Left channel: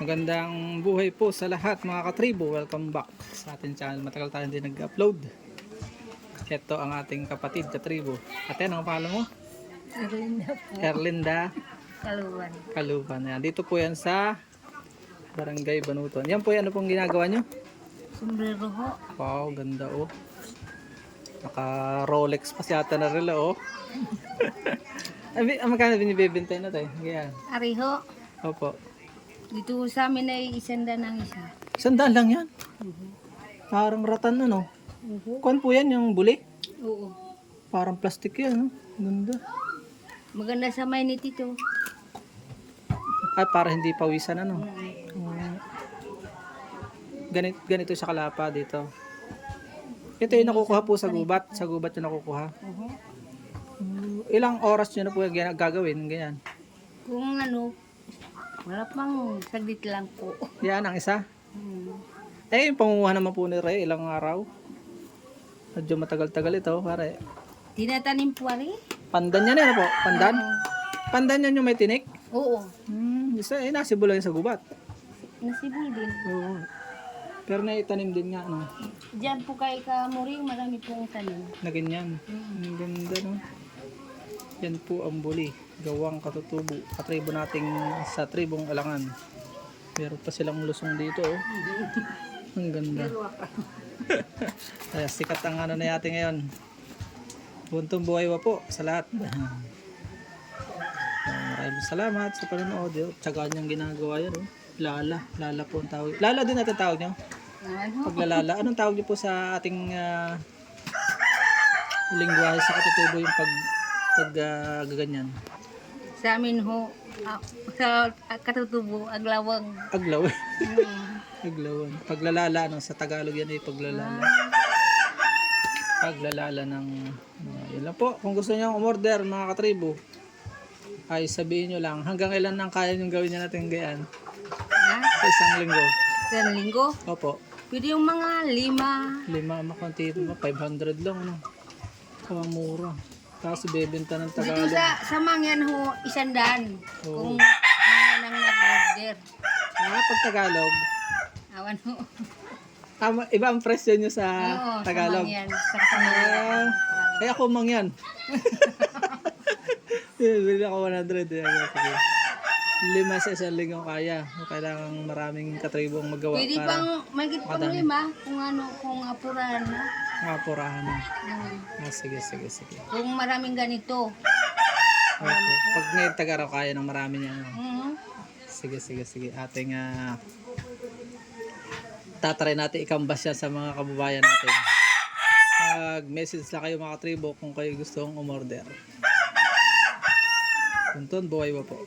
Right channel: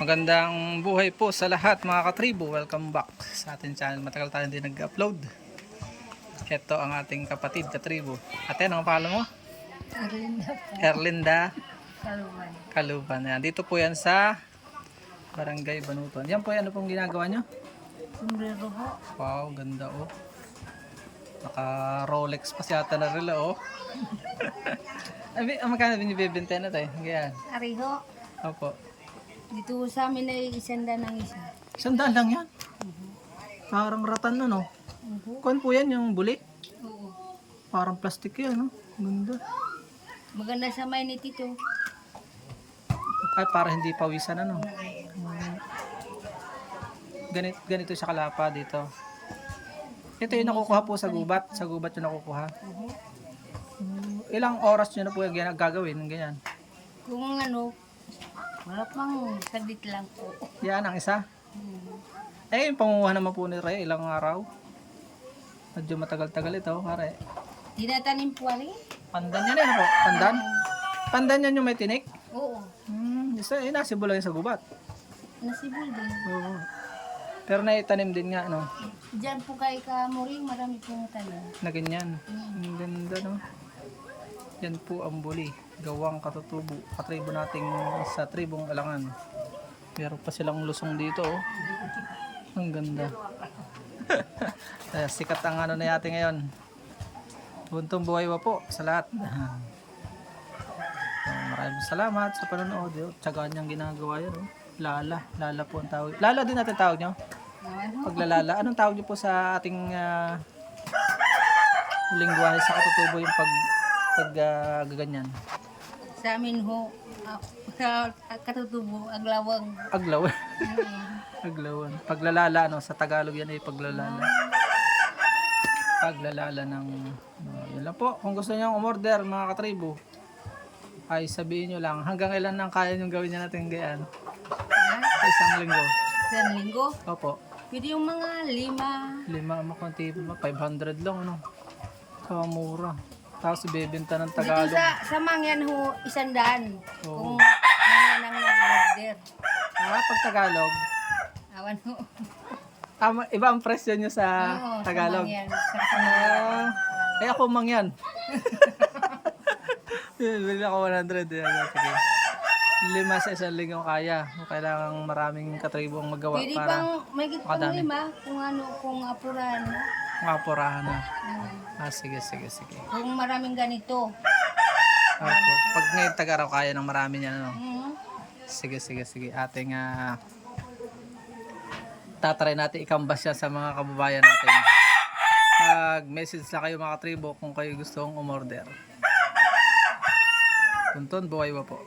Magandang buhay po sa lahat mga katribo. Welcome back sa ating channel. Matagal tayo hindi nag-upload. Ito ang ating kapatid katribo. Ate, ano ang pangalan mo? Erlinda po. Erlinda Kaluban. Kaluban. Yan. Dito po yan sa Barangay Banuton. Yan po, ano pong ginagawa nyo? Sombrero ho. Wow, ganda oh. Naka Rolex pa si ate na rila oh. Magkano binibenta na tayo? Ganyan. Ari ho. Opo. Dito sa amin ay isanda ng isa. 100 lang yan. Parang ratan ano. Kuan po yan yung buli. Oo. Parang plastic yan, no? Ganda. Maganda sa may nitito. Ay, para hindi pawisan, ano? Ganito sa kalapa dito. Ito yung nakukuha po sa gubat. Sa gubat yung nakukuha. Ilang oras nyo na po yung gagawin? Ganyan. Kung ano, wala pang saglit lang po. Yan ang isa. Eh, yung panguha naman po ni Ray, ilang araw. Medyo matagal-tagal ito, pare. Tinatanim po ari? Pandan yan, ano po? Pandan? Pandan yan yung may tinik? Oo. Isa, nasibol lang sa gubat. Nasibol din. Oo. Pero naitanim din nga, no? Diyan po kay Kamuring, marami pong tanim. Na ganyan. Ang ganda, no? Yan po ang buli. Gawang katutubo. Katribo nating sa tribong Alangan. Meron pa silang lusong dito, oh. Ang ganda. Sikat ang ano na yate ngayon. Buntong buhay wa po sa lahat. So, maraming salamat sa panonood. Tsagaan niyang ginagawa yan, oh. Lala po ang tawag. Lala din natin tawag nyo? Ano? Paglalala. Anong tawag nyo po sa ating lingwahe sa katutubo yung gaganyan? Sa amin ho, sa katutubo, aglawang. Aglawan. Aglawan. Paglalala, no? Sa Tagalog yan ay paglalala. Paglalala ng yun lang po. Kung gusto niyo umorder mga katribo, ay sabihin nyo lang hanggang ilan nang kaya nyo gawin niya natin gayaan Ha? sa isang linggo. Sa linggo? Opo. Pwede yung mga 5. 5 makunti pa, 500 lang, ano? Mura. Tapos ibebenta ng Dito Tagalog. sa mangyan ho, 100. Oo. Kung mangyan ang nag-order. Pag Tagalog, Awan ho. iba ang presyo nyo sa Oo, Tagalog. Sa mangyan. Sa mangyan. Ay ako mangyan. Bili ako 100. Yan. Sige. 5 sa isang linggo kaya. Kailangan maraming katribong magawa Pwede para pang, may pang makadami. 5. Kung ano, kung apurahan na. Mapurahan na. Hmm. Sige. Kung maraming ganito. Opo. Pag ngayon tag-araw kaya ng marami niyan, ano? Hmm. Sige. Ating tatry natin ikambas yan sa mga kababayan natin. Mag-message na kayo mga katribo kung kayo gustong umorder. Punton, buhay ba po?